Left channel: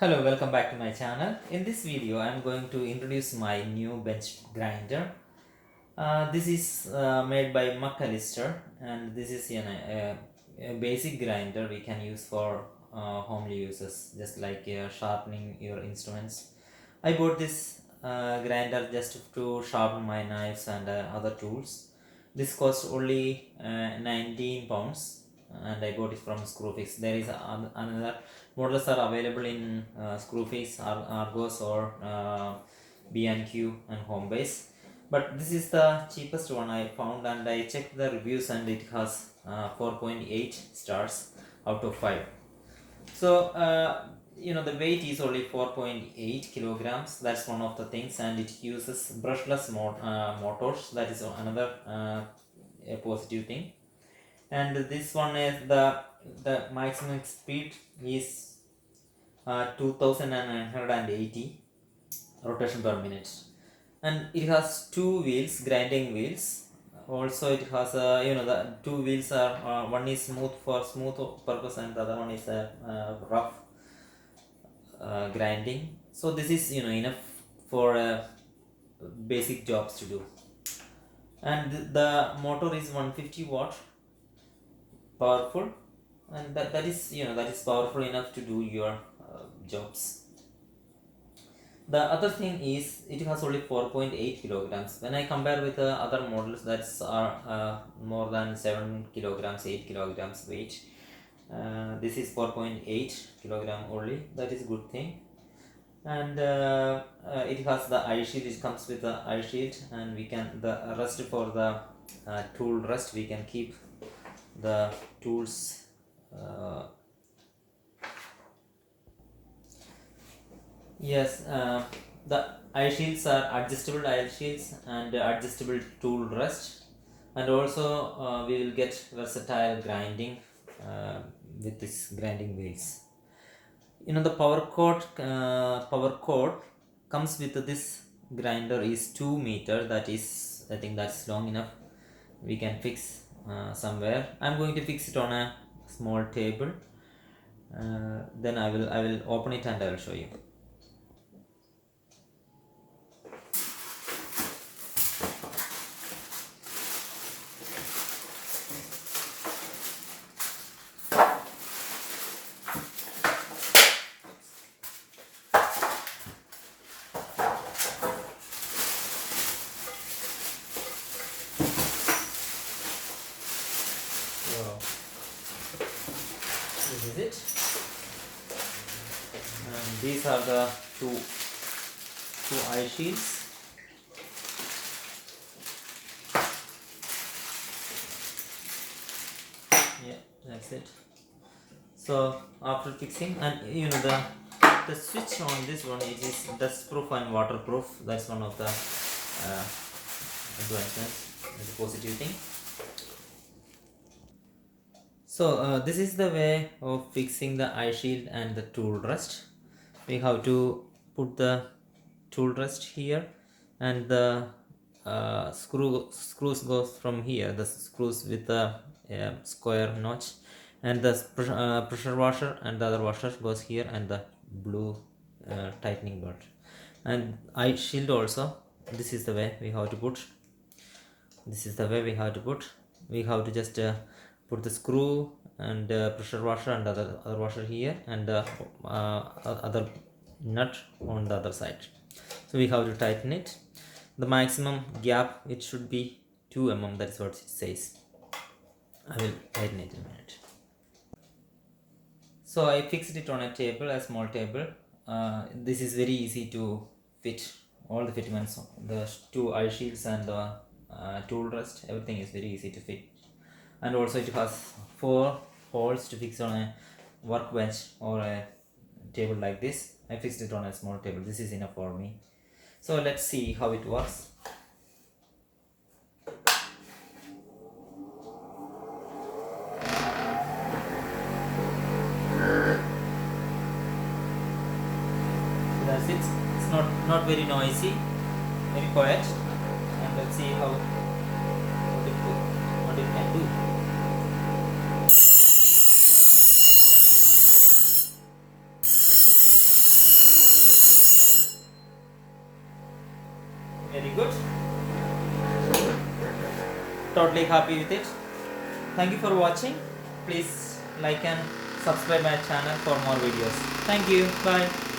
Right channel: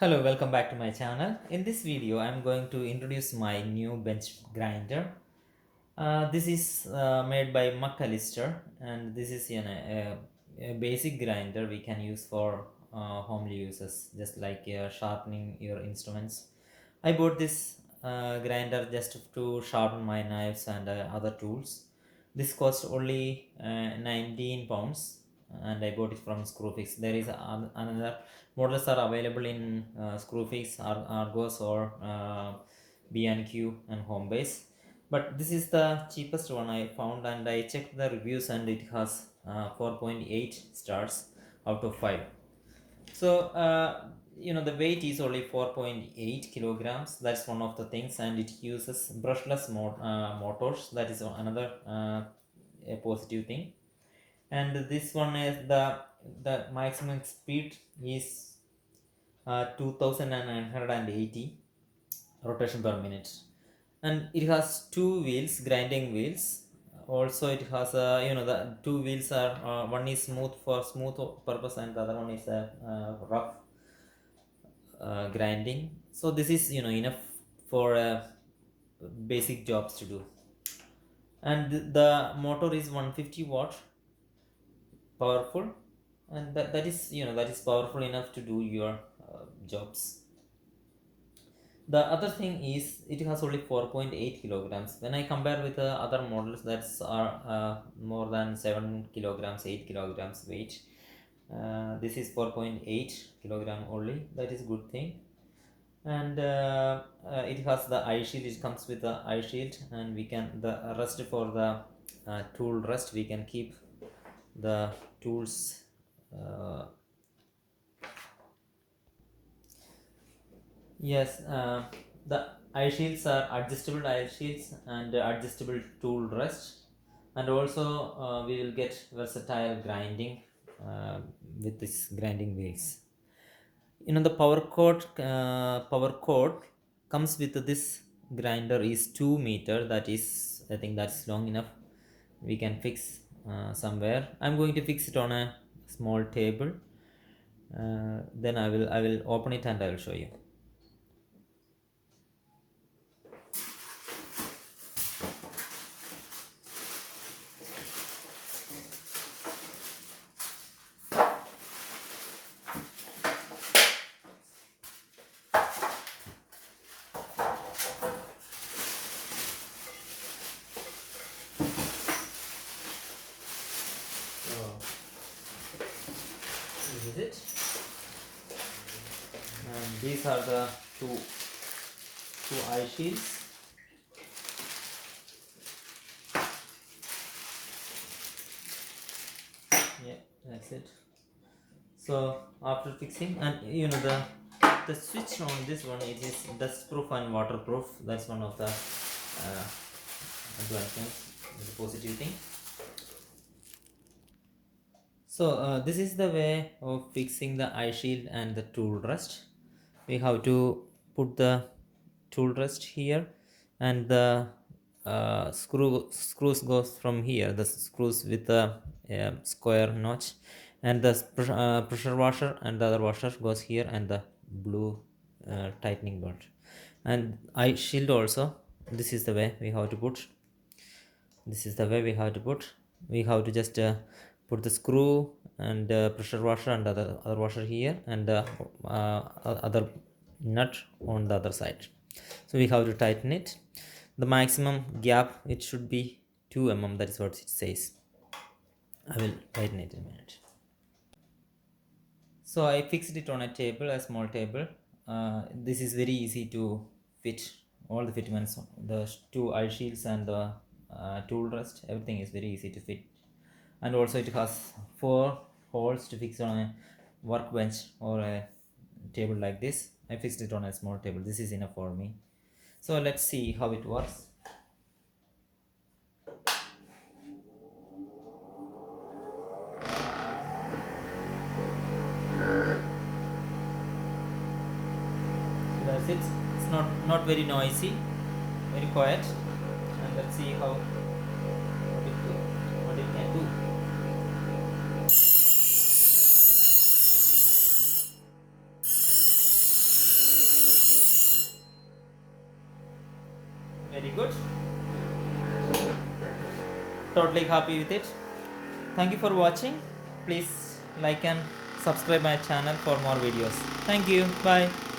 Hello, welcome back to my channel. In this video, I'm going to introduce my new bench grinder. This is made by Allister, and this is a basic grinder we can use for homely uses, just like sharpening your instruments. I bought this grinder just to sharpen my knives and other tools. This cost only 19 pounds, and I bought it from Screwfix. There is another models are available in Screwfix, Argos, or B&Q and Homebase. But this is the cheapest one I found, and I checked the reviews, and it has 4.8 stars out of 5. So the weight is only 4.8 kilograms. That's one of the things, and it uses brushless motors. That is another a positive thing. And this one is the maximum speed is 2980 rotation per minute, and it has two wheels, grinding wheels. Also it has the two wheels are one is smooth for smooth purpose, and the other one is rough grinding. So this is enough for basic jobs to do. And the motor is 150-watt powerful, and that is powerful enough to do your jobs. The other thing is it has only 4.8 kilograms. When I compare with other models that's are more than 7 kilograms, 8 kilograms weight, this is 4.8 kilogram only. That is a good thing. And it has the eye shield. It comes with the eye shield, and we can the rest for the tool rest, we can keep the tools. Yes, the eye shields are adjustable eye shields and adjustable tool rest, and also we will get versatile grinding with this grinding wheels. The power cord comes with this grinder is 2 meter. That is, I think that's long enough. We can fix somewhere. I'm going to fix it on a small table. Then I will open it and I will show you. So this is it, and these are the two eye shields. Yeah, that's it. So after fixing, and the switch on this one, it is dust proof and waterproof. That's one of the advancements, the positive thing. So this is the way of fixing the eye shield and the tool rest. We have to put the tool rest here, and the screws goes from here. The screws with the square notch, and the pressure washer and the other washer goes here, and the blue tightening bolt, and eye shield also. This is the way we have to put. We have to just put the screw and pressure washer and other washer here, and other nut on the other side. So we have to tighten it. The maximum gap, it should be 2 mm. That is what it says. I will tighten it in a minute. So I fixed it on a table, a small table. This is very easy to fit all the fitments, the two eye shields and the tool rest. Everything is very easy to fit, and also it has 4 holes to fix on a workbench or a table like this. I fixed it on a small table. This is enough for me. So let's see how it works. So that's it. It's not very noisy, very quiet, and let's see what it can do. Very good. Totally happy with it. Thank you for watching. Please like and subscribe my channel for more videos. Thank you. Bye.